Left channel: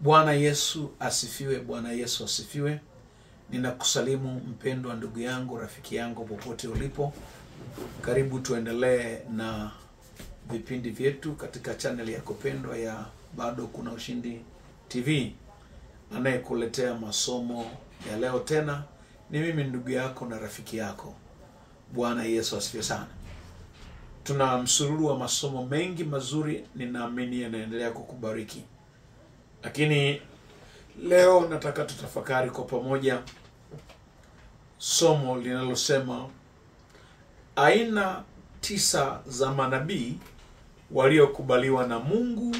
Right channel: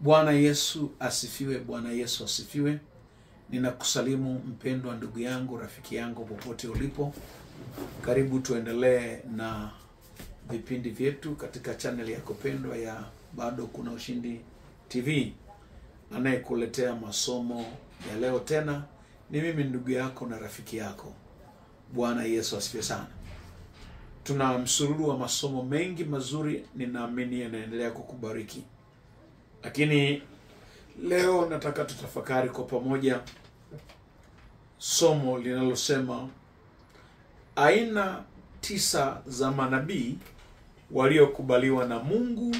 Bwana Yesu asifiwe, Bwana Yesu asifiwe. Ninakusalimu mpendwa ndugu yangu, rafiki yangu popote ulipo. Karibu tuendelee na vipindi vyetu katika channel yako pendwa ya Bado Kuna Ushindi TV. Anayekuletea masomo ya leo tena ni mimi ndugu yako na rafiki yako. Bwana Yesu asifiwe sana. Tuna msururu wa masomo mengi mazuri, ninaamini yanaendelea kukubariki. Lakini leo nataka tutafakari kwa pamoja somo linalosema aina 9 za manabii waliokubaliwa na Mungu,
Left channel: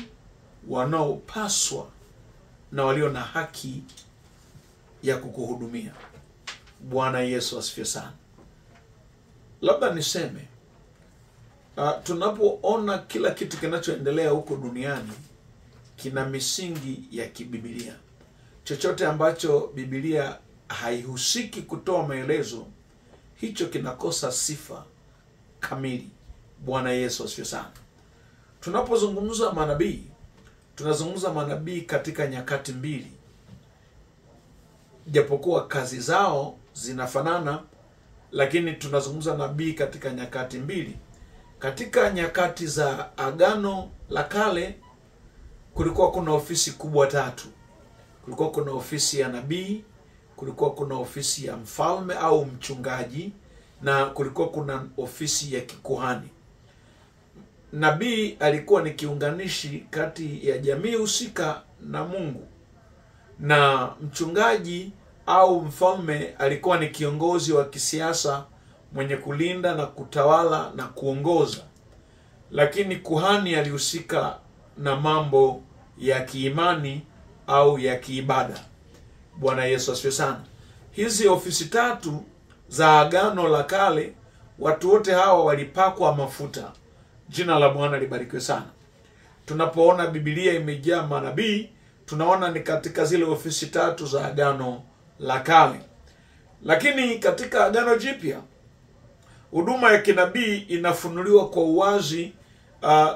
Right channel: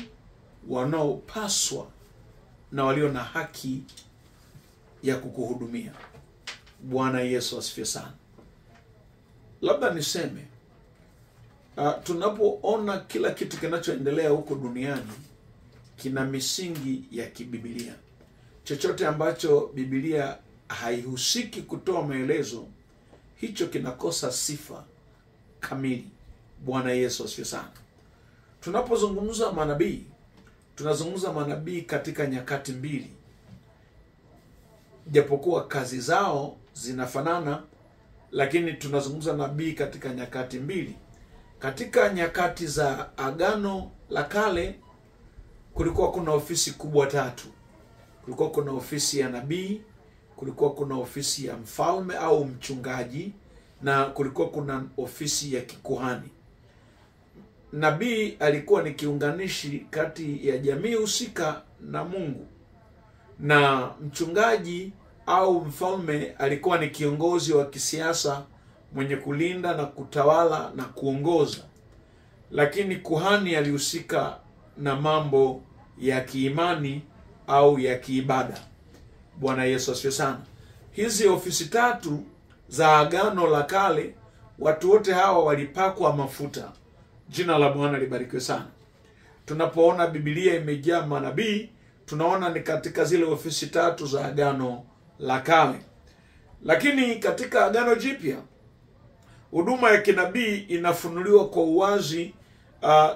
wanaopaswa na walio na haki ya kukuhudumia. Bwana Yesu asifiwe sana. Labda niseme tunapoona kila kitu kinachoendelea huko duniani kina misingi ya kibibilia. Chochote ambacho Biblia haihusiki kutoa maelezo, hicho kinakosa sifa kamili. Bwana Yesu asifiwe sana. Tunapozungumza manabii, tunazungumza manabii katika nyakati mbili. Japokuwa kazi zao zinafanana, lakini tunazungumza nabii katika nyakati mbili. Katika nyakati za Agano la Kale kulikuwa kuna ofisi kubwa 3. Kulikuwa kuna ofisi ya nabii, kulikuwa kuna ofisi ya mfalme au mchungaji, na kulikuwa kuna ofisi ya kikuhani. Nabii alikuwa ni kiunganishi kati ya jamii husika na Mungu, na mchungaji au mfalme alikuwa ni kiongozi wa kisiasa mwenye kulinda na kutawala na kuongoza. Lakini kuhani alihusika na mambo ya kiimani au ya kiibada. Bwana Yesu asifiwe sana. Hizi ofisi 3 za Agano la Kale, watu wote hawa walipakwa mafuta. Jina la Bwana libarikiwe sana. Tunapoona Biblia imejaa manabii, tunaona ni katika zile ofisi 3 za Agano la Kale. Lakini katika Agano Jipya, huduma ya kinabii inafunuliwa kwa uwazi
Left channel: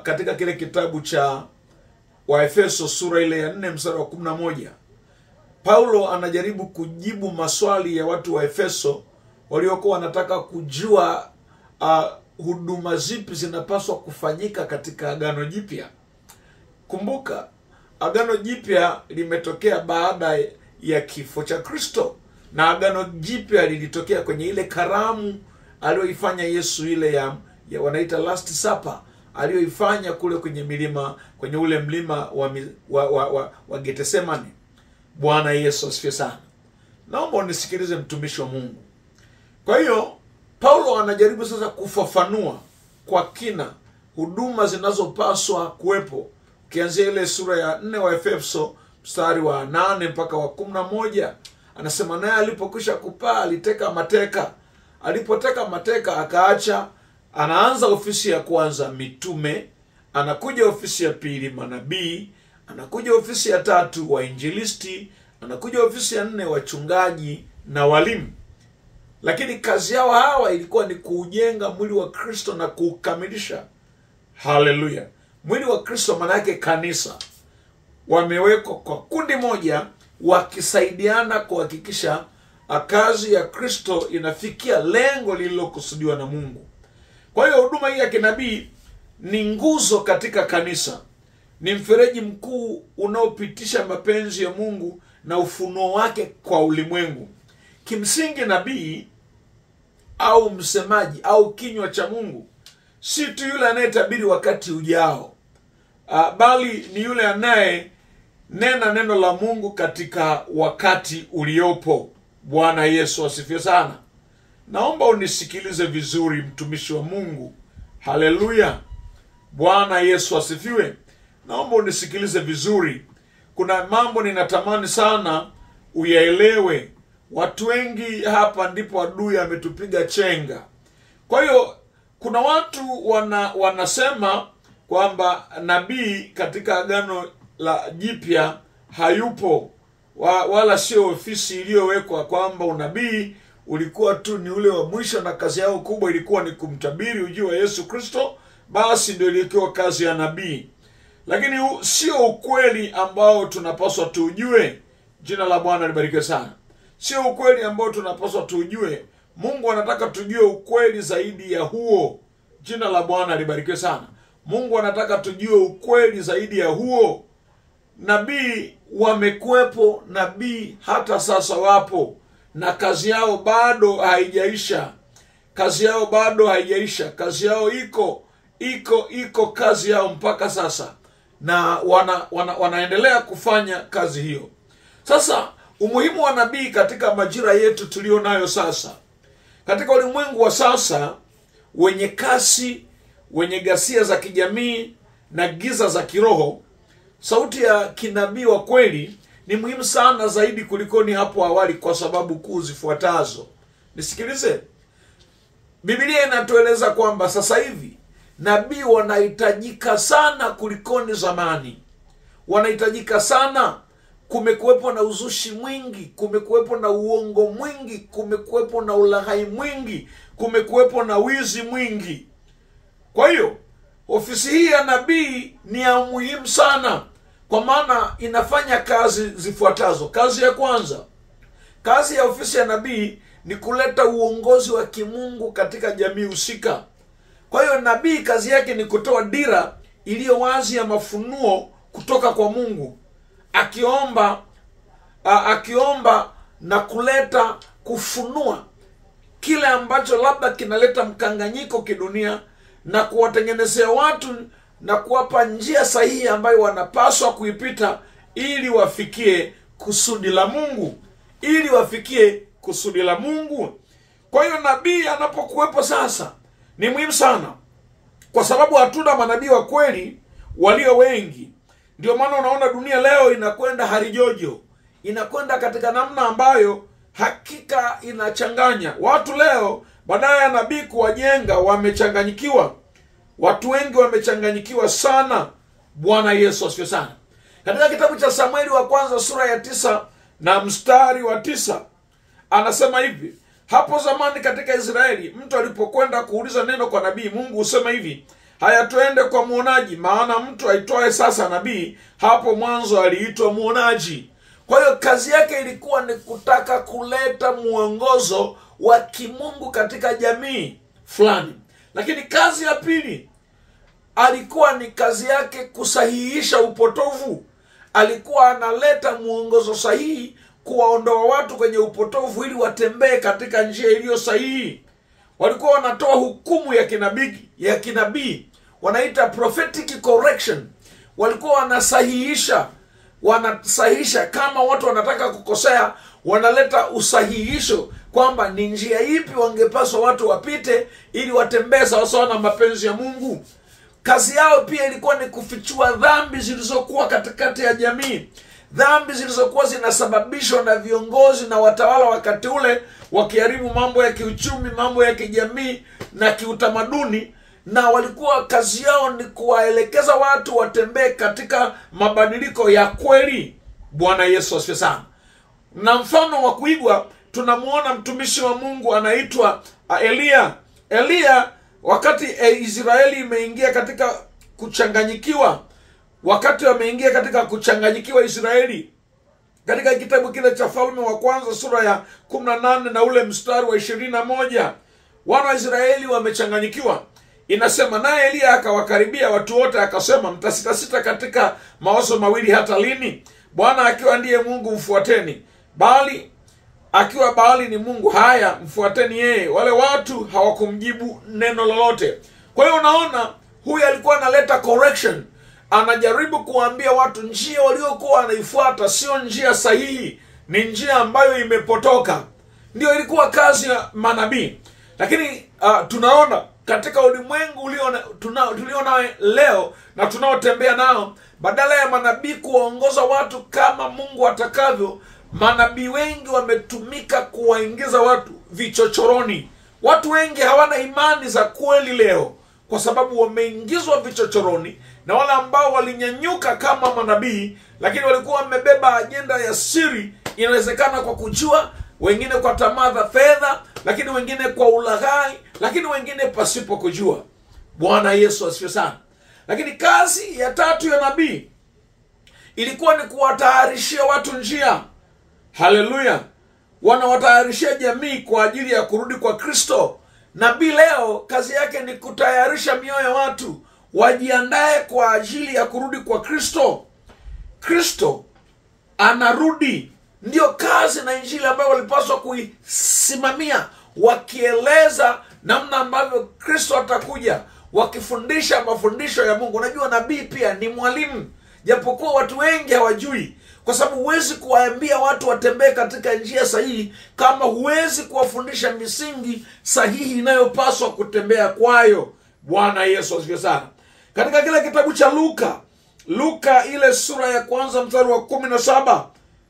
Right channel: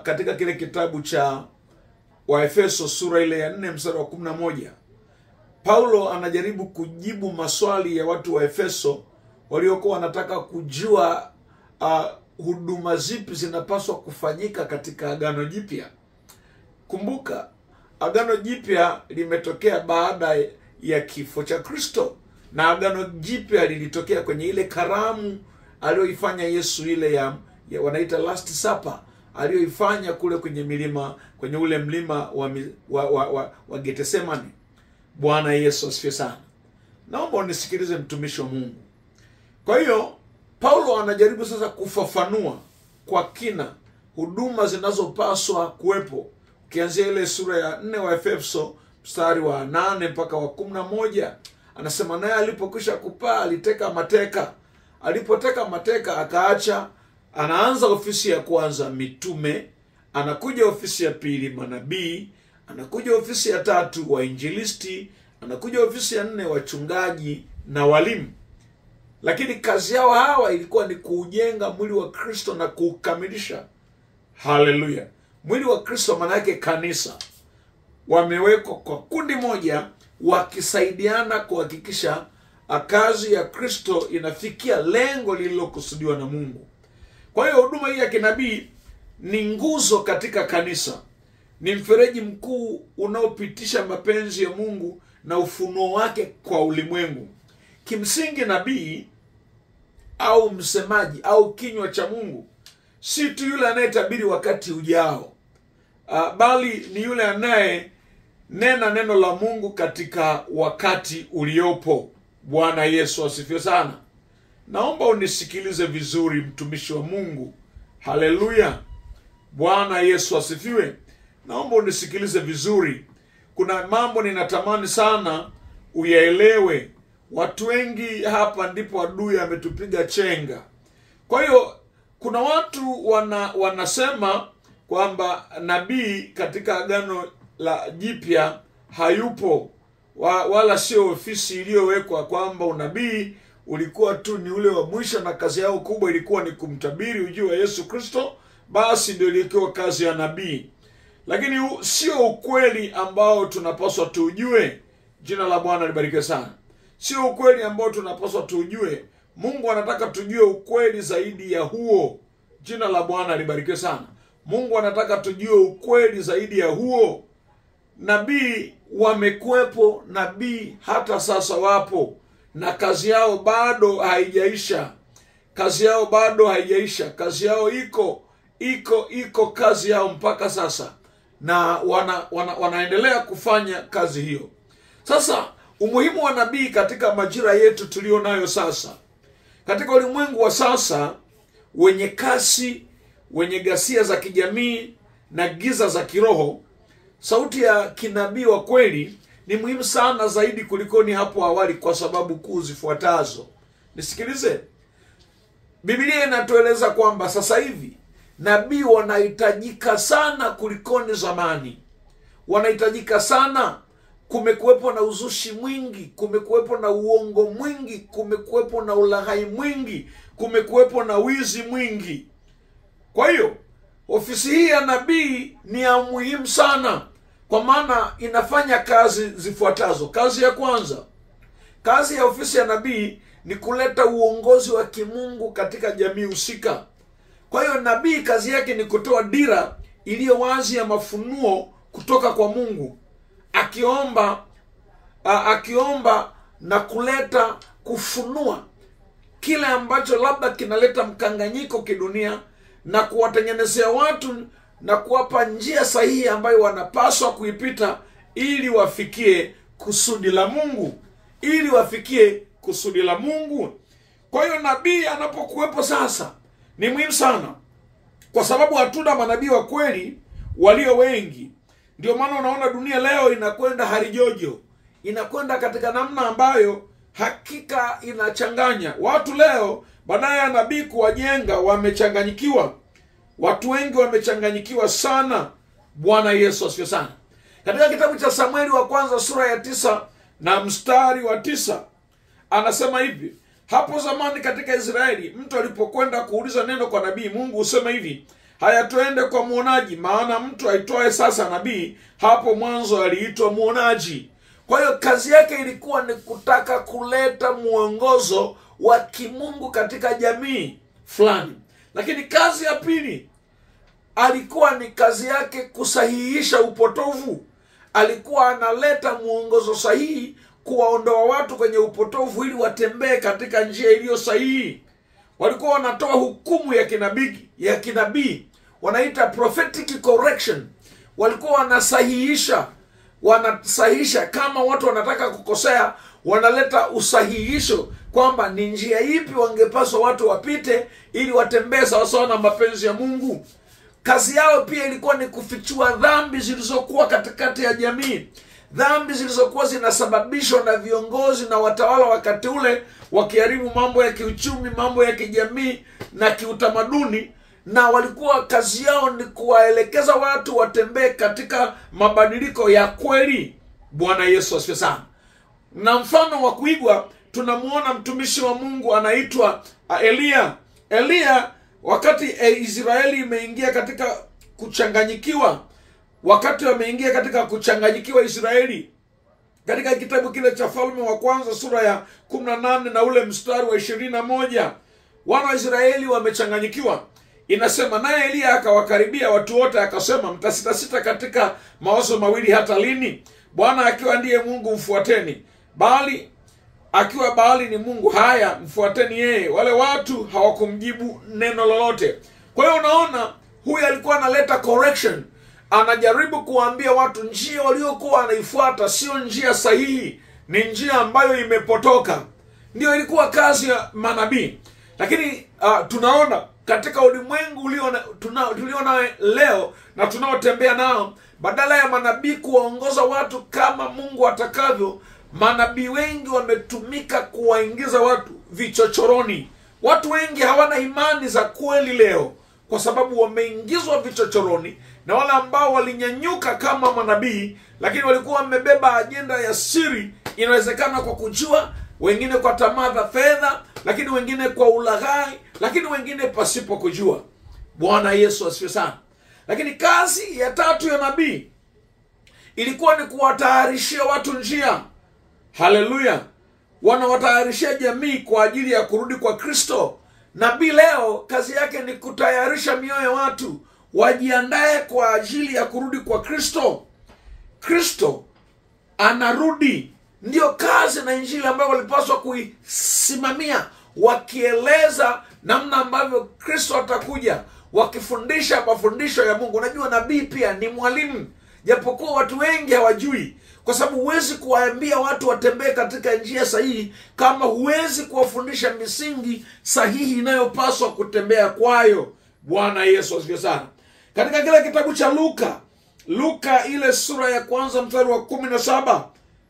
katika kile kitabu cha Waefeso sura ile ya 4 mstari wa 11. Paulo anajaribu kujibu maswali ya watu wa Efeso waliokuwa wanataka kujua huduma zipi zinapaswa kufanyika katika Agano Jipya. Kumbuka, Agano Jipya limetokea baada ya kifo cha Kristo, na Agano Jipya lilitokea kwenye ile karamu aliyoifanya Yesu, ile ya wanaita Last Supper, aliyoifanya kule kwenye milima, kwenye ule mlima wa Getsemani. Bwana Yesu asifiwe sana. Naomba unisikilize mtumishi wa Mungu. Kwa hiyo Paulo anajaribu sasa kufafanua kwa kina huduma zinazopaswa kuwepo. Ukianzia ile sura ya 4 wa Efeso mstari wa 8 mpaka wa 11, anasema naye alipokwisha kupaa aliteka mateka. Alipoteka mateka akaacha, anaanza ofisi ya kwanza mitume, anakuja ofisi ya pili manabii, anakuja ofisi ya 3 wainjilisti, anakuja ofisi ya 4 wachungaji na walimu. Lakini kazi yao hawa ilikuwa ni kuujenga mwili wa Kristo na kuukamilisha. Haleluya. Mwili wa Kristo maana yake kanisa. Wamewekwa kwa kundi moja, wakisaidiana kuhakikisha kazi ya Kristo inafikia lengo lililokusudiwa na Mungu. Kwa hiyo huduma hii ya kinabii ni nguzo katika kanisa. Ni mfereji mkuu unaopitisha mapenzi ya Mungu na ufunuo wake kwa ulimwengu. Kimsingi nabii au msemaji au kinywa cha Mungu si tu yule anayetabiri wakati ujao, bali ni yule anaye nena neno la Mungu katika wakati uliopo. Bwana Yesu asifiwe sana. Naomba unisikilize vizuri mtumishi wa Mungu. Haleluya. Bwana Yesu asifiwe. Naomba unisikilize vizuri. Kuna mambo ninatamani sana uyaelewe. Watu wengi hapa ndipo adui ametupiga chenga. Kwa hiyo kuna watu wanasema kwamba nabii katika Agano la Jipya hayupo, wala sio ofisi iliyowekwa, kwamba unabii ulikuwa tu ni ule wa mwisho na kazi yao kubwa ilikuwa ni kumtabiri ujio wa Yesu Kristo, basi ndio ilikuwa kazi ya nabii. lakini sio ukweli ambao tunapaswa tujue. Jina la Bwana libarikiwe sana. Sio ukweli ambao tunapaswa tujue. Mungu anataka tujue ukweli zaidi ya huo. Jina la Bwana libarikiwe sana. Mungu anataka tujue ukweli zaidi ya huo. Nabii wamekuwepo, nabii hata sasa wapo, na kazi yao bado haijaisha. Kazi yao bado haijaisha. Kazi yao iko kazi yao mpaka sasa, na wanaendelea kufanya kazi hiyo. Sasa umuhimu wa nabii katika majira yetu tulio nayo sasa, katika ulimwengu wa sasa wenye kasi, wenye ghasia za kijamii na giza za kiroho, sauti ya kinabii wa kweli ni muhimu sana zaidi kulikoni hapo awali, kwa sababu kuu zifuatazo. Nisikilize. Biblia inatueleza kwamba sasa hivi nabii wanahitajika sana kulikoni zamani. Wanahitajika sana. Kumekuwepo na uzushi mwingi, kumekuwepo na uongo mwingi, kumekuwepo na ulaghai mwingi, kumekuwepo na wizi mwingi. Kwa hiyo ofisi hii ya nabii ni ya muhimu sana, kwa maana inafanya kazi zifuatazo. Kazi ya kwanza, kazi ya ofisi ya nabii ni kuleta uongozi wa kimungu katika jamii husika. Kwa hiyo nabii kazi yake ni kutoa dira iliyo wazi ya mafunuo kutoka kwa Mungu, akiomba na kuleta kufunua kile ambacho labda kinaleta mkanganyiko kidunia, na kuwatengenezea watu na kuwapa njia sahihi ambayo wanapaswa kuipita ili wafikie kusudi la Mungu. Kwa hiyo nabii anapokuwepo sasa ni muhimu sana, kwa sababu hatuna manabii wa kweli walio wengi. Ndio maana unaona dunia leo inakwenda harijojo, inakwenda katika namna ambayo hakika inachanganya watu. Leo badala ya nabii kuwajenga, wamechanganyikiwa. Watu wengi wamechanganyikiwa sana. Bwana Yesu asifiwe sana. Katika kitabu cha Samueli wa kwanza sura ya 9 na mstari wa 9 anasema hivi: hapo zamani katika Israeli, mtu alipokwenda kuuliza neno kwa nabii, Mungu husema hivi: haya, tuende kwa muonaji, maana mtu aitwaye sasa nabii hapo mwanzo aliitwa muonaji. Kwa hiyo kazi yake ilikuwa ni kutaka kuleta mwongozo wa kimungu katika jamii fulani. Lakini kazi ya pili alikuwa ni kazi yake kusahihisha upotovu. Alikuwa analeta mwongozo sahihi, kuwaondoa watu kwenye upotovu ili watembee katika njia iliyo sahihi. Walikuwa wanatoa hukumu ya kinabii, wanaita prophetic correction. Walikuwa wanasahihisha kama watu wanataka kukosea, wanaleta usahihisho kwamba ni njia ipi wangepaswa watu wapite ili watembee sawasawa na mapenzi ya Mungu. Kazi yao pia ilikuwa ni kufichua dhambi zilizokuwa katikati ya jamii, dhambi zilizokuwa zinasababishwa na viongozi na watawala wakati ule, wakiharibu mambo ya kiuchumi, mambo ya kijamii na kiutamaduni. Na walikuwa kazi yao ni kuwaelekeza watu watembee katika mabadiliko ya kweli. Bwana Yesu asifiwe sana. Na mfano wa kuigwa tunamuona mtumishi wa Mungu anaitwa Elia. Wakati Israeli imeingia katika kuchanganyikiwa, Israeli, katika kitabu kile cha Falme wa kwanza sura ya 18 na ule mstari wa 21, wana wa Israeli wamechanganyikiwa. Inasema, naye Elia akawakaribia watu wote akasema, mtasitasita katika mawazo mawili hata lini? Bwana akiwa ndiye Mungu mfuateni, bali akiwa Baali ni mungu, haya mfuateni yeye. Wale watu hawakumjibu neno lolote. Kwa hiyo unaona, huyu alikuwa analeta correction. Anajaribu kuambia watu njia waliokuwa wanaifuata sio njia sahihi, ni njia ambayo imepotoka. Ndio ilikuwa kazi ya manabii. Lakini tunaona katika ulimwengu tuliona leo na tunaotembea nao, badala ya manabii kuwaongoza watu kama Mungu atakavyo, manabii wengi wametumika kuwaingiza watu vichochoroni. Watu wengi hawana imani za kweli leo kwa sababu wameingizwa vichochoroni na wale ambao walinyanyuka kama manabii, lakini walikuwa wamebeba ajenda ya siri. Inawezekana kwa kujua, wengine kwa tamaa za fedha, lakini wengine kwa ulaghai, lakini wengine pasipo kujua. Bwana Yesu asifiwe sana. Lakini kazi ya tatu ya nabii ilikuwa ni kuwatayarishia watu njia. Haleluya! Wanawatayarishia jamii kwa ajili ya kurudi kwa Kristo. Nabii leo kazi yake ni kutayarisha mioyo ya watu wajiandae kwa ajili ya kurudi kwa Kristo. Kristo anarudi. Ndio kazi na injili ambayo walipaswa kuisimamia, wakieleza namna ambavyo Kristo atakuja, wakifundisha mafundisho ya Mungu. Unajua nabii pia ni mwalimu, japokuwa watu wengi hawajui, kwa sababu huwezi kuwaambia watu watembee katika njia sahihi kama huwezi kuwafundisha misingi sahihi inayopaswa kutembea kwayo. Bwana Yesu asifiwe sana. Katika kile kitabu cha Luka ile sura ya kwanza mstari wa 17,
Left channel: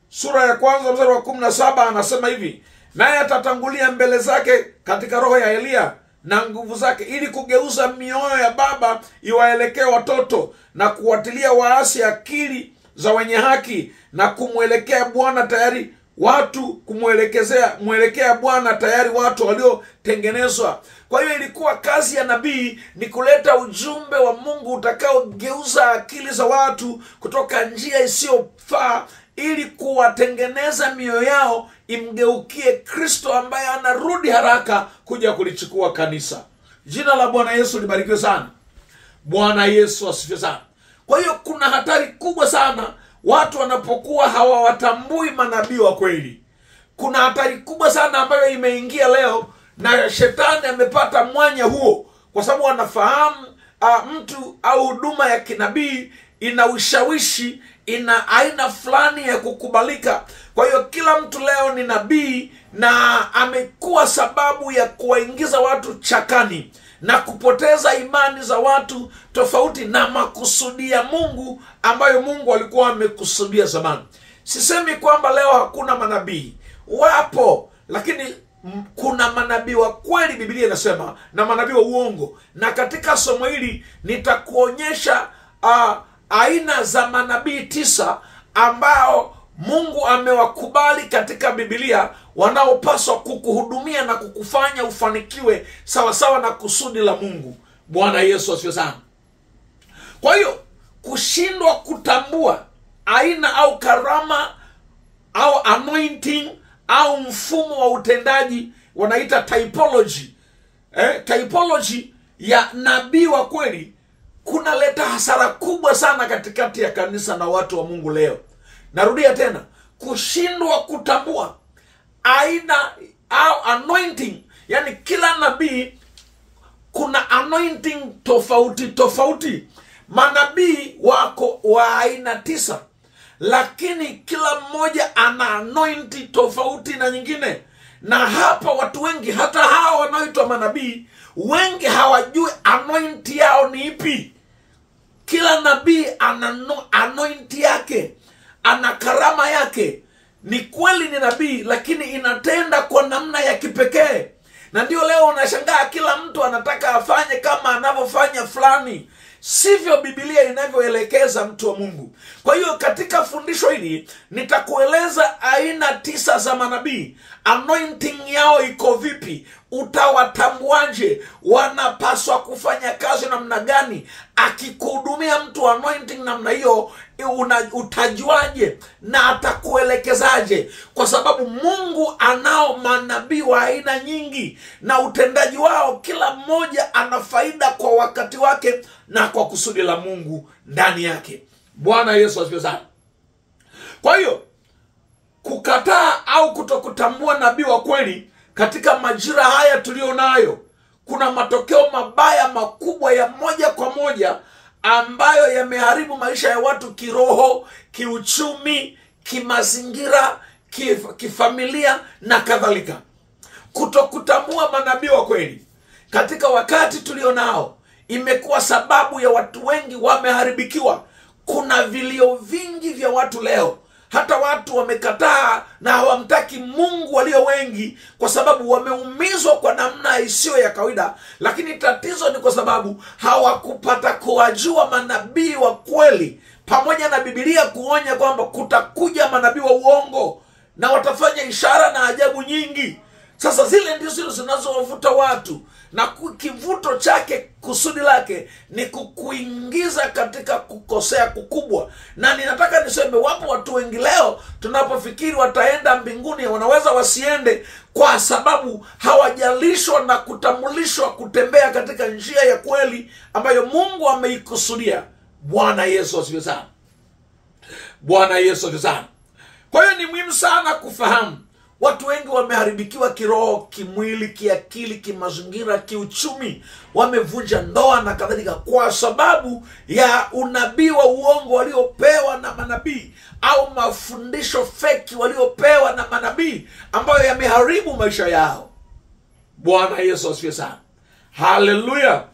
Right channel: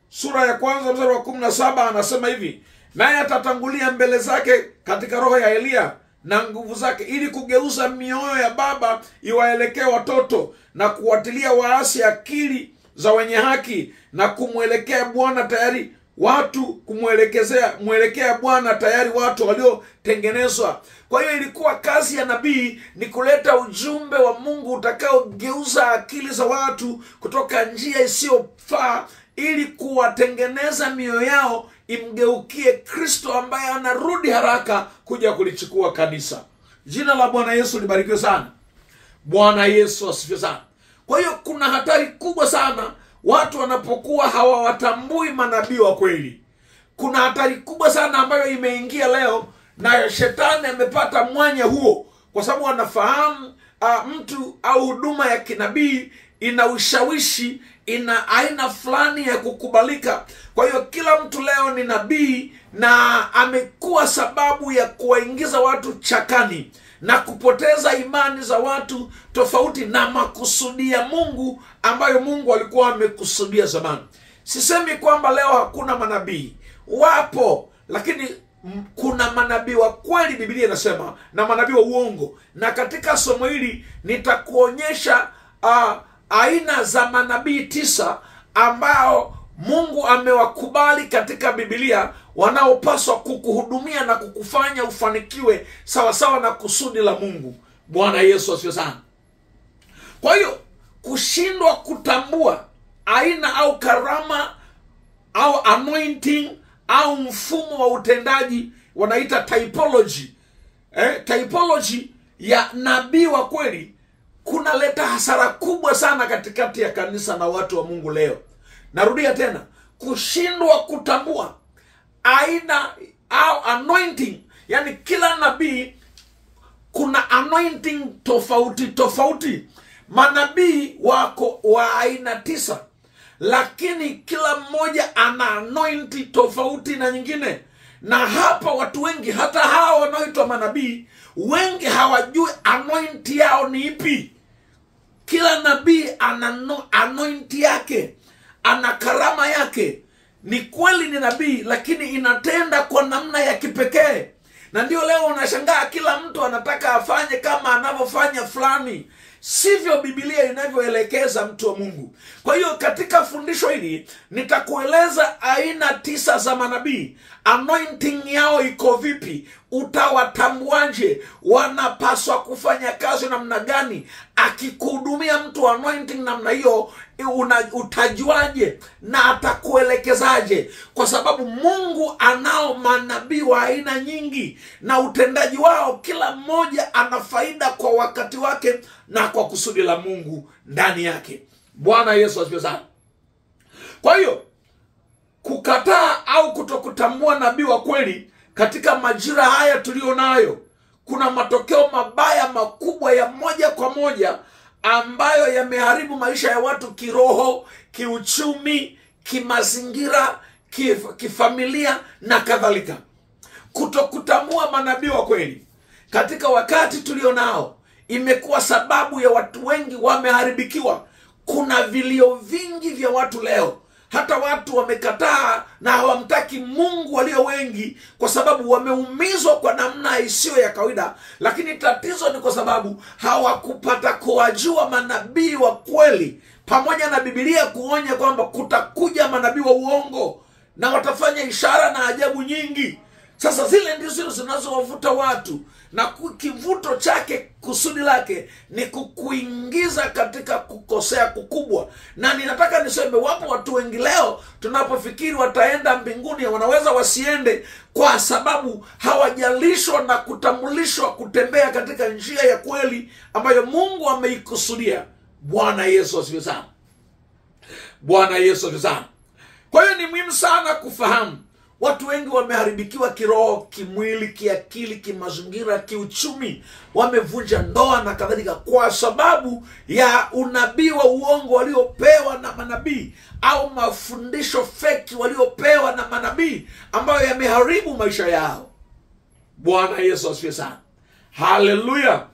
sura ya kwanza mstari wa 17 anasema hivi: naye atatangulia mbele zake katika roho ya Elia na nguvu zake, ili kugeuza mioyo ya baba iwaelekee watoto, na kuwatilia waasi akili za wenye haki, na kumwelekea Bwana tayari watu kumwelekea Bwana tayari watu waliotengenezwa. Kwa hiyo ilikuwa kazi ya nabii ni kuleta ujumbe wa Mungu utakaogeuza akili za watu kutoka njia isiyofaa, ili kuwatengeneza mioyo yao imgeukie Kristo ambaye anarudi haraka kuja kulichukua kanisa. Jina la Bwana Yesu libarikiwe sana. Bwana Yesu asifiwe sana. Kwa hiyo kuna hatari kubwa sana watu wanapokuwa hawawatambui manabii wa kweli. Kuna hatari kubwa sana ambayo imeingia leo, na shetani amepata mwanya huo, kwa sababu anafahamu mtu au huduma ya kinabii ina ushawishi, ina aina fulani ya kukubalika. Kwa hiyo kila mtu leo ni nabii, na amekuwa sababu ya kuwaingiza watu chakani na kupoteza imani za watu tofauti na makusudi ya Mungu ambayo Mungu alikuwa amekusudia zamani. Sisemi kwamba leo hakuna manabii, wapo, lakini kuna manabii wa kweli Biblia inasema, na manabii wa uongo. Na katika somo hili nitakuonyesha aina za manabii 9 ambao Mungu amewakubali katika Biblia, wanaopaswa kukuhudumia na kukufanya ufanikiwe sawasawa na kusudi la Mungu. Bwana Yesu asifiwe sana. Kwa hiyo kushindwa kutambua aina au karama au anointing au mfumo wa utendaji, wanaita typology, typology ya nabii wa kweli, kunaleta hasara kubwa sana katikati ya kanisa na watu wa Mungu leo. Narudia tena, kushindwa kutambua aina au anointing, yani kila nabii kuna anointing tofauti tofauti. Manabii wako wa aina 9, lakini kila mmoja ana anointing tofauti na nyingine. Na hapa watu wengi, hata hao wanaoitwa manabii, wengi hawajui anointing yao ni ipi. Kila nabii ana anointing yake, ana karama yake. Ni kweli ni nabii, lakini inatenda kwa namna ya kipekee. Na ndio leo unashangaa kila mtu anataka afanye kama anavyofanya fulani. Sivyo Biblia inavyoelekeza mtu wa Mungu. Kwa hiyo katika fundisho hili nitakueleza aina 9 za manabii. Anointing yao iko vipi? Utawatambuaje? Wanapaswa kufanya kazi namna gani? Akikuhudumia mtu anointing namna hiyo, utajuaje na atakuelekezaje? Kwa sababu Mungu anao manabii wa aina nyingi, na utendaji wao kila mmoja ana faida kwa wakati wake na kwa kusudi la Mungu ndani yake. Bwana Yesu asifiwe sana. Kwa hiyo kukataa au kutokutambua nabii wa kweli katika majira haya tulionayo, kuna matokeo mabaya makubwa ya moja kwa moja ambayo yameharibu maisha ya watu kiroho, kiuchumi, kimazingira, kifamilia na kadhalika. Kutokutambua manabii wa kweli katika wakati tulionao imekuwa sababu ya watu wengi wameharibikiwa. Kuna vilio vingi vya watu leo, hata watu wamekataa na hawamtaki Mungu walio wengi, kwa sababu wameumizwa kwa namna isiyo ya kawaida. Lakini tatizo ni kwa sababu hawakupata kuwajua manabii wa kweli, pamoja na Biblia kuonya kwamba kutakuja manabii wa uongo na watafanya ishara na ajabu nyingi. Sasa zile ndizo zinazowavuta watu, na kivuto chake, kusudi lake ni kukuingiza katika kukosea kukubwa. Na ninataka niseme, wapo watu wengi leo tunapofikiri wataenda mbinguni, wanaweza wasiende, kwa sababu hawajalishwa na kutambulishwa kutembea katika njia ya kweli ambayo Mungu ameikusudia. Bwana Yesu asifiwe sana. Bwana Yesu asifiwe sana. Kwa hiyo ni muhimu sana kufahamu, watu wengi wameharibikiwa kiroho, kimwili, kiakili, kimazingira, kiuchumi, wamevunja ndoa na kadhalika, kwa sababu ya unabii wa uongo waliopewa na manabii, au mafundisho feki waliopewa na manabii, ambayo yameharibu maisha yao. Bwana Yesu asifiwe sana. Haleluya.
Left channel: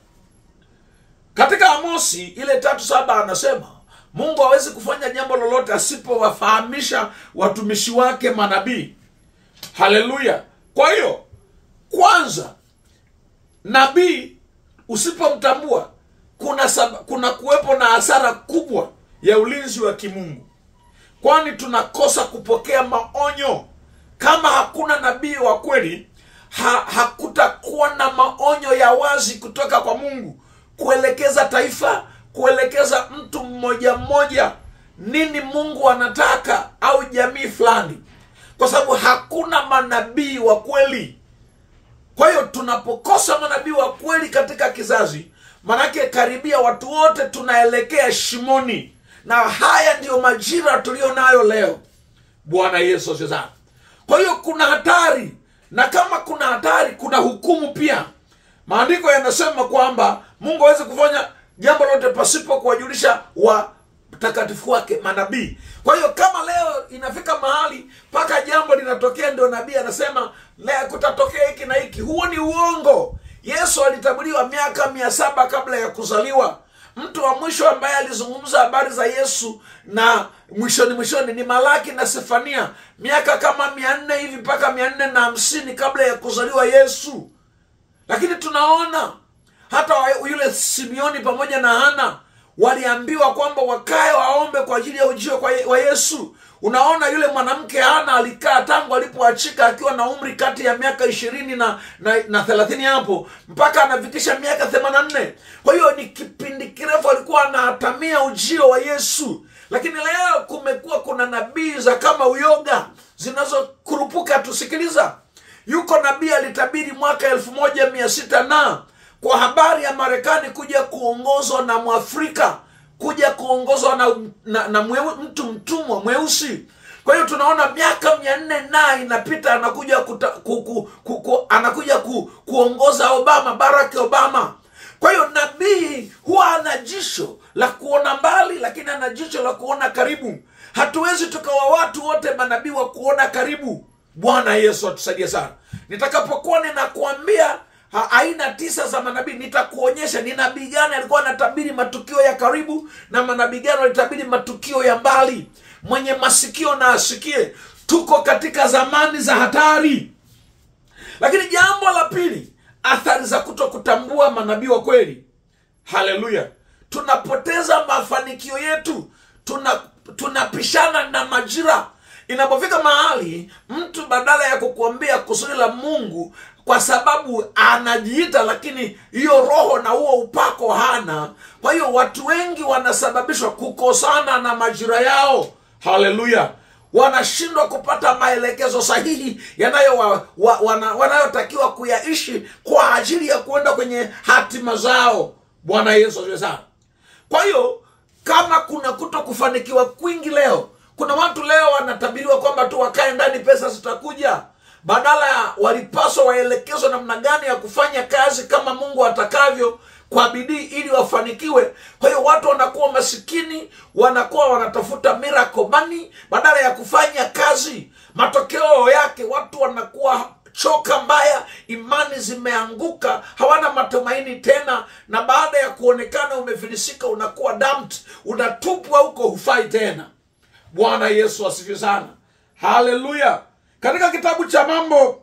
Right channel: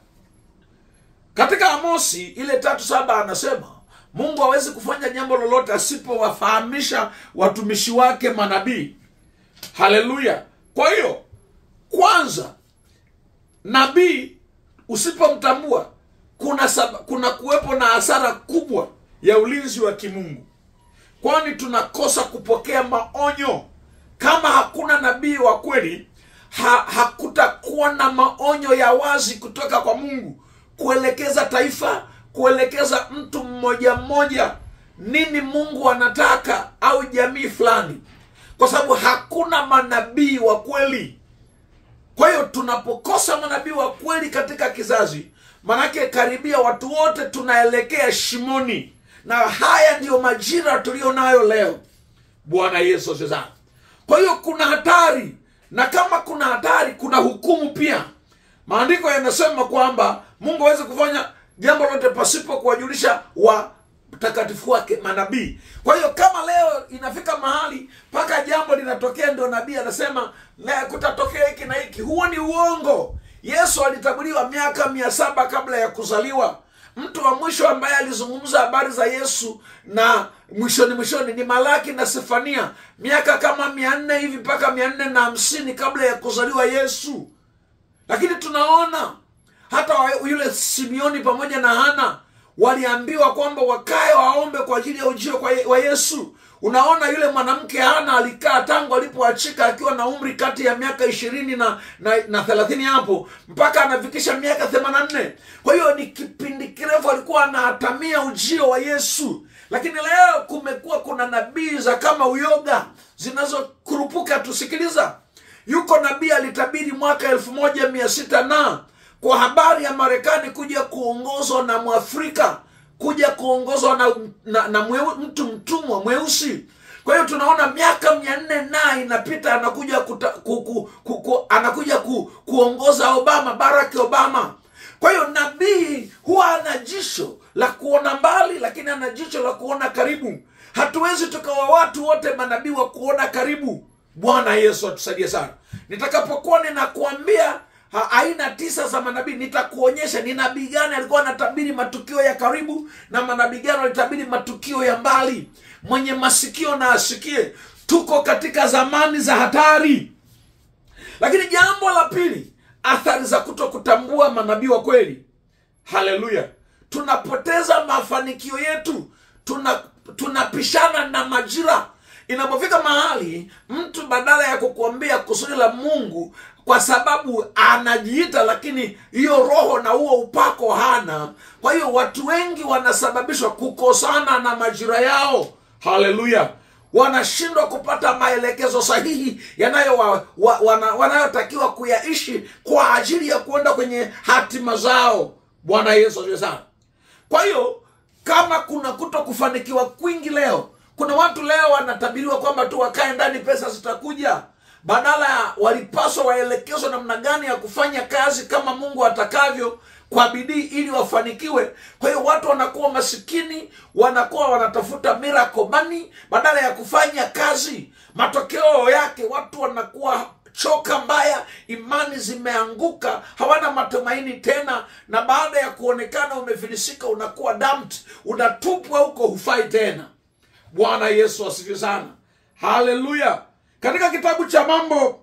Katika Amosi ile 3:7 anasema Mungu hawezi kufanya jambo lolote asipowafahamisha watumishi wake manabii. Haleluya. Kwa hiyo, kwanza, nabii usipomtambua, kuna kuwepo na hasara kubwa ya ulinzi wa kimungu, kwani tunakosa kupokea maonyo. Kama hakuna nabii wa kweli, hakutakuwa na maonyo ya wazi kutoka kwa Mungu kuelekeza taifa, kuelekeza mtu mmoja mmoja nini Mungu anataka, au jamii fulani, kwa sababu hakuna manabii wa kweli. Kwa hiyo tunapokosa manabii wa kweli katika kizazi, manake karibia watu wote tunaelekea shimoni, na haya ndiyo majira tulio nayo leo. Bwana Yesu asifiwe. Kwa hiyo kuna hatari, na kama kuna hatari, kuna hukumu pia. Maandiko yanasema kwamba Mungu hawezi kufanya jambo lote pasipo kuwajulisha watakatifu wake manabii. Kwa hiyo kama leo inafika mahali mpaka jambo linatokea ndio nabii anasema leo kutatokea hiki na hiki, huo ni uongo. Yesu alitabiriwa miaka 700 kabla ya kuzaliwa. Mtu wa mwisho ambaye alizungumza habari za Yesu na mwishoni ni Malaki na Sefania, miaka kama 400 hivi mpaka 450 kabla ya kuzaliwa Yesu. Lakini tunaona hata yule Simeoni pamoja na Hana waliambiwa kwamba wakae waombe kwa ajili ya ujio wa Yesu. Unaona, yule mwanamke Hana alikaa tangu alipoachika akiwa na umri kati ya miaka 20 na 30 hapo, mpaka anafikisha miaka 84. Kwa hiyo ni kipindi kirefu alikuwa anatamia ujio wa Yesu. Lakini leo kuna nabii za kama uyoga zinazokurupuka. Tusikiliza, yuko nabii alitabiri mwaka 1600 kwa habari ya Marekani kuja kuongozwa na Mwafrika, kuja kuongozwa na mtu mtumwa mweusi. Kwa hiyo tunaona miaka 400 na inapita, anakuja kuongoza Barack Obama. Kwa hiyo nabii huwa ana jicho la kuona mbali, lakini ana jicho la kuona karibu. Hatuwezi tukawa watu wote manabii wa kuona karibu. Bwana Yesu atusaidie sana. Nitakapokuwa ninakuambia aina 9 za manabii, nitakuonyesha ni nabii gani alikuwa anatabiri matukio ya karibu na manabii gani alitabiri matukio ya mbali. Mwenye masikio na asikie. Tuko katika zamani za hatari. Lakini jambo la pili, athari za kutokutambua manabii wa kweli. Haleluya. Tunapoteza mafanikio yetu, tunapishana na majira. Inapofika mahali mtu badala ya kukuambia kusudi la Mungu, kwa sababu anajiita lakini hiyo roho na huo upako hana, kwa hiyo watu wengi wanasababishwa kukosana na majira yao. Haleluya. Wanashindwa kupata maelekezo sahihi wanayotakiwa kuyaishi kwa ajili ya kuenda kwenye hatima zao. Bwana Yesu asifiwe sana. Kwa hiyo kama kuna kutokufanikiwa kwingi leo, kuna watu leo wanatabiriwa kwamba tu wakae ndani pesa zitakuja, badala walipaswa waelekezwe namna gani ya kufanya kazi kama Mungu atakavyo kwa bidii ili wafanikiwe. Kwa hiyo watu wanakuwa masikini, wanakuwa wanatafuta miracle money badala ya kufanya kazi. Matokeo yake watu wanakuwa choka mbaya, imani zimeanguka, hawana matumaini tena, na baada ya kuonekana umefilisika unakuwa dumped, unatupwa huko, hufai tena. Bwana Yesu asifiwe sana. Haleluya. Katika kitabu cha Mambo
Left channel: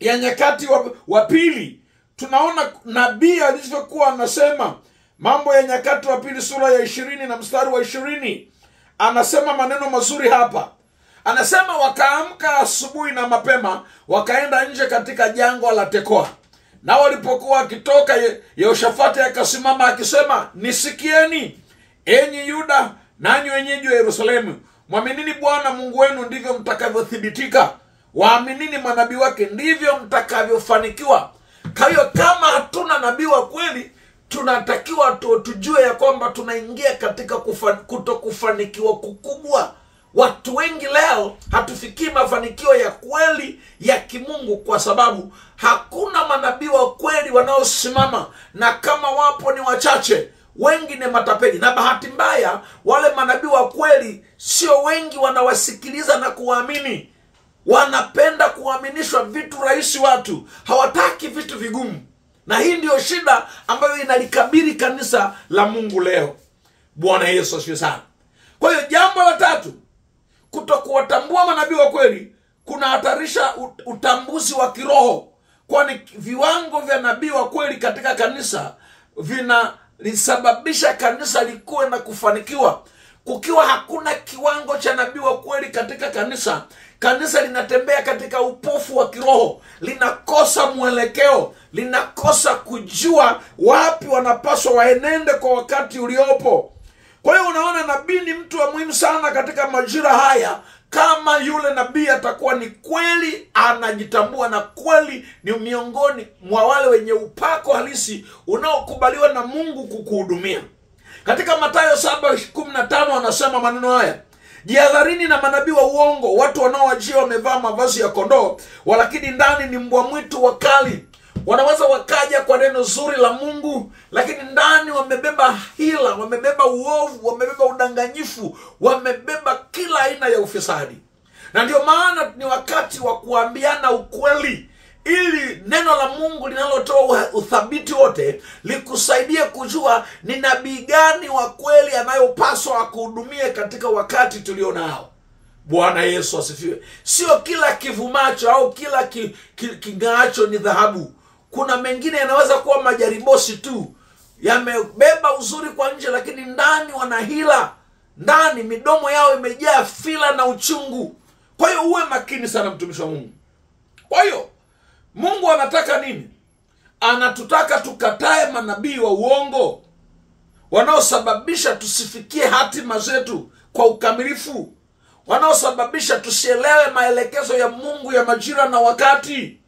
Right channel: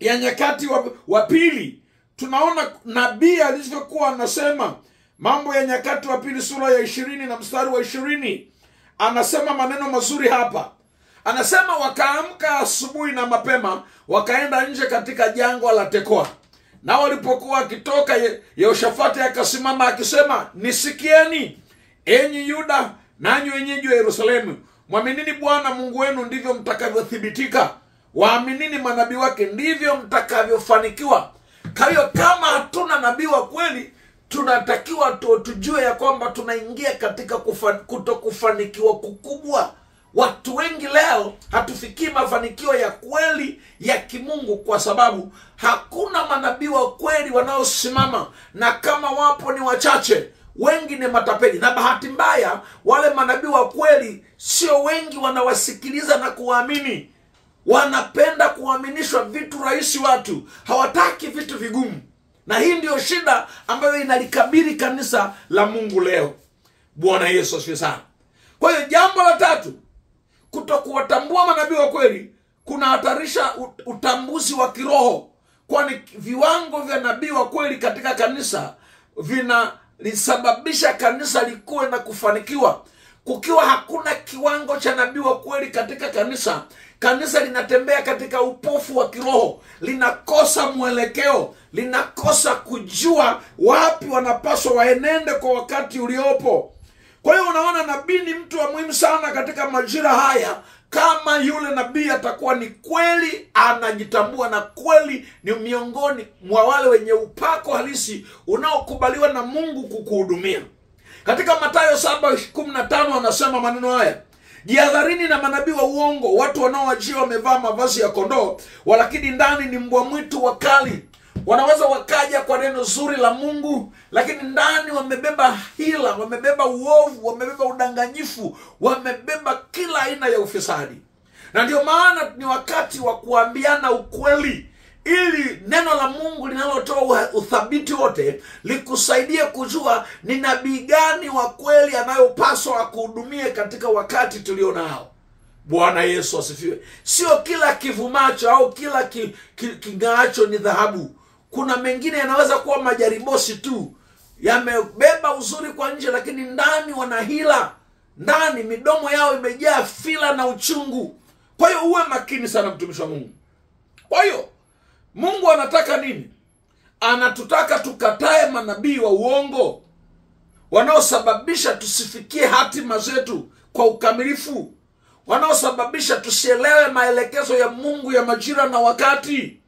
ya Nyakati wa Pili tunaona nabii alivyokuwa anasema. Mambo ya Nyakati wa Pili sura ya 20 na mstari wa 20 anasema maneno mazuri hapa. Anasema wakaamka asubuhi na mapema, wakaenda nje katika jangwa la Tekoa. Na walipokuwa wakitoka, Yehoshafati akasimama akisema, nisikieni enyi Yuda, nanyi wenyeji wa Yerusalemu, mwaminini Bwana Mungu wenu, ndivyo mtakavyothibitika. Waaminini manabii wake, ndivyo mtakavyofanikiwa. Kwa hiyo kama hatuna nabii wa kweli, tunatakiwa tujue ya kwamba tunaingia katika kutokufanikiwa kukubwa. Watu wengi leo hatufikii mafanikio ya kweli ya kimungu kwa sababu hakuna manabii wa kweli wanaosimama, na kama wapo ni wachache. Wengi ni matapeli, na bahati mbaya wale manabii wa kweli sio wengi wanawasikiliza na kuwaamini. Wanapenda kuaminishwa vitu rahisi, watu hawataki vitu vigumu. Na hii ndio shida ambayo inalikabili kanisa la Mungu leo. Bwana Yesu asifiwe sana. Kwa hiyo jambo la tatu, kutokuwatambua manabii wa kweli kunahatarisha utambuzi wa kiroho, kwani viwango vya nabii wa kweli katika kanisa vinalisababisha kanisa likuwe na kufanikiwa. Kukiwa hakuna kiwango cha nabii wa kweli katika kanisa, kanisa linatembea katika upofu wa kiroho, linakosa mwelekeo, linakosa kujua wapi wanapaswa waenende kwa wakati uliopo. Kwa hiyo unaona, nabii ni mtu wa muhimu sana katika majira haya. Kama yule nabii atakuwa ni kweli anajitambua na kweli ni miongoni mwa wale wenye upako halisi unaokubaliwa na Mungu kukuhudumia. Katika Mathayo 7:15 anasema maneno haya, jihadharini na manabii wa uongo, watu wanaowajia wamevaa mavazi ya kondoo, walakini ndani ni mbwa mwitu wakali. Wanaweza wakaja kwa neno zuri la Mungu, lakini ndani wamebeba hila, wamebeba uovu, wamebeba udanganyifu, wamebeba kila aina ya ufisadi. Na ndio maana ni wakati wa kuambiana ukweli, ili neno la Mungu linalotoa uthabiti wote likusaidie kujua ni nabii gani wa kweli anayopaswa akuhudumie katika wakati tulio nao. Bwana Yesu asifiwe. Sio kila kivumacho au kila kingaacho ni dhahabu. Kuna mengine yanaweza kuwa majaribosi tu, yamebeba uzuri kwa nje, lakini ndani wana hila. Ndani midomo yao imejaa fila na uchungu. Kwa hiyo uwe makini sana, mtumishi wa Mungu. Kwa hiyo Mungu anataka nini? Anatutaka tukatae manabii wa uongo wanaosababisha tusifikie hatima zetu kwa ukamilifu, wanaosababisha tusielewe maelekezo ya Mungu ya majira na wakati,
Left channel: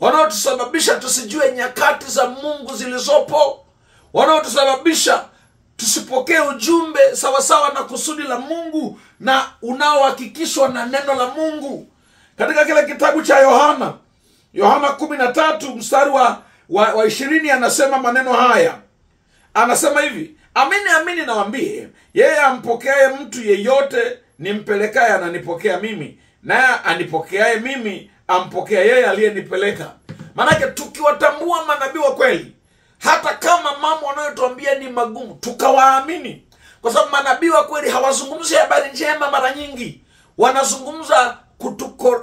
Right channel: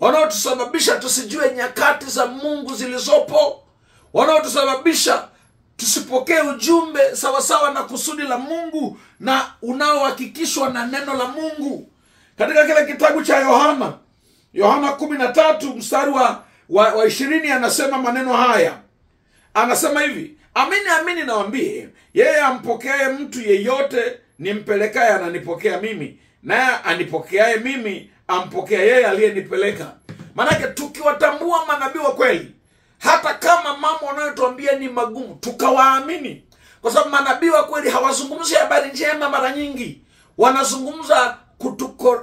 wanaotusababisha tusijue nyakati za Mungu zilizopo, wanaotusababisha tusipokee ujumbe sawasawa na kusudi la Mungu na unaohakikishwa na neno la Mungu. Katika kile kitabu cha Yohana 13 mstari wa 20 anasema maneno haya. Anasema hivi, amini amini nawaambie, yeye ampokeaye mtu yeyote nimpelekaye ananipokea mimi, naye anipokeaye mimi ampokea yeye aliyenipeleka. Maana tukiwatambua manabii wa kweli, hata kama mambo wanayotuambia ni magumu, tukawaamini. Kwa sababu manabii wa kweli hawazungumzi habari njema mara nyingi. Wanazungumza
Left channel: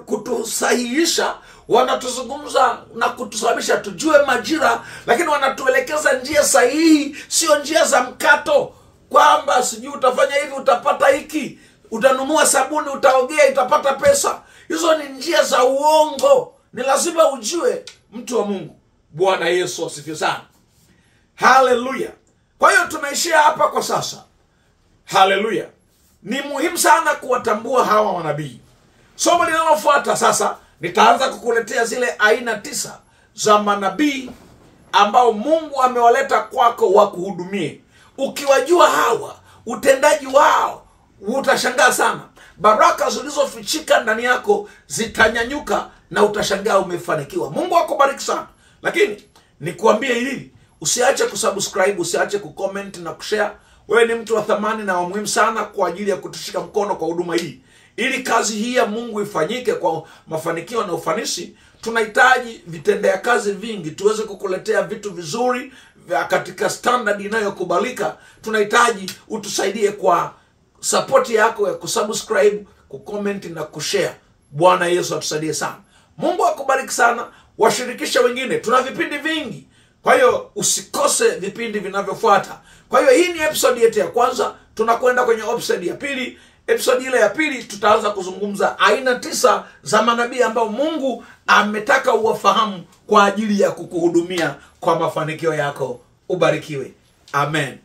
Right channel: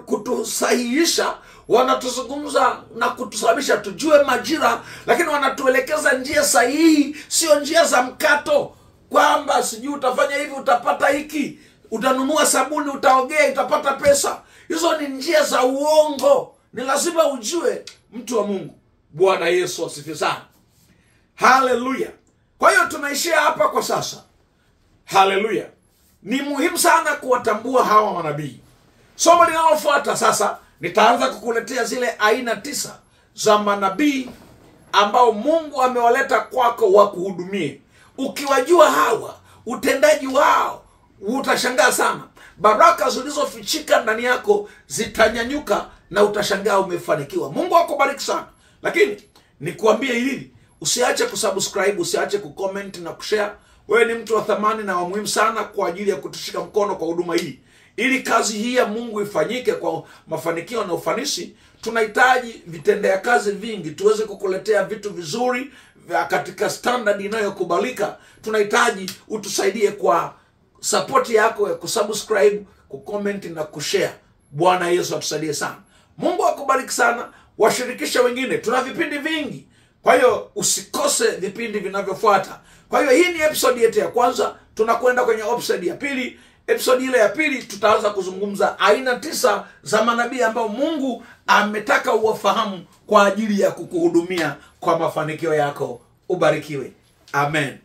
kutusahihisha, wanatuzungumza na kutusababisha tujue majira, lakini wanatuelekeza njia sahihi, sio njia za mkato, kwamba sijui utafanya hivi utapata hiki, utanunua sabuni utaogea utapata pesa. Hizo ni njia za uongo. Ni lazima ujue, mtu wa Mungu. Bwana Yesu asifiwe sana. Haleluya. Kwa hiyo tunaishia hapa kwa sasa. Haleluya. Ni muhimu sana kuwatambua hawa manabii. Somo linalofuata sasa, nitaanza kukuletea zile aina 9 za manabii ambao Mungu amewaleta kwako wakuhudumie. Ukiwajua hawa, utendaji wao utashangaa sana. Baraka zilizofichika ndani yako zitanyanyuka na utashangaa umefanikiwa. Mungu akubariki sana. Lakini nikuambie hili, usiache kusubscribe, usiache kucomment na kushare. Wewe ni mtu wa thamani na wa muhimu sana kwa ajili ya kutushika mkono kwa huduma hii. Ili kazi hii ya Mungu ifanyike kwa mafanikio na ufanisi, tunahitaji vitendea kazi vingi tuweze kukuletea vitu vizuri katika standard inayokubalika. Tunahitaji utusaidie kwa support yako ya kusubscribe, kucomment na kushare. Bwana Yesu atusaidie sana. Mungu akubariki sana. Washirikisha wengine. Tuna vipindi vingi, kwa hiyo usikose vipindi vinavyofuata. Kwa hiyo hii ni episode yetu ya kwanza. Tunakwenda kwenye episode ya pili. episode ile ya pili tutaanza kuzungumza aina 9 za manabii ambao Mungu ametaka uwafahamu kwa ajili ya kukuhudumia kwa mafanikio yako. Ubarikiwe. Amen.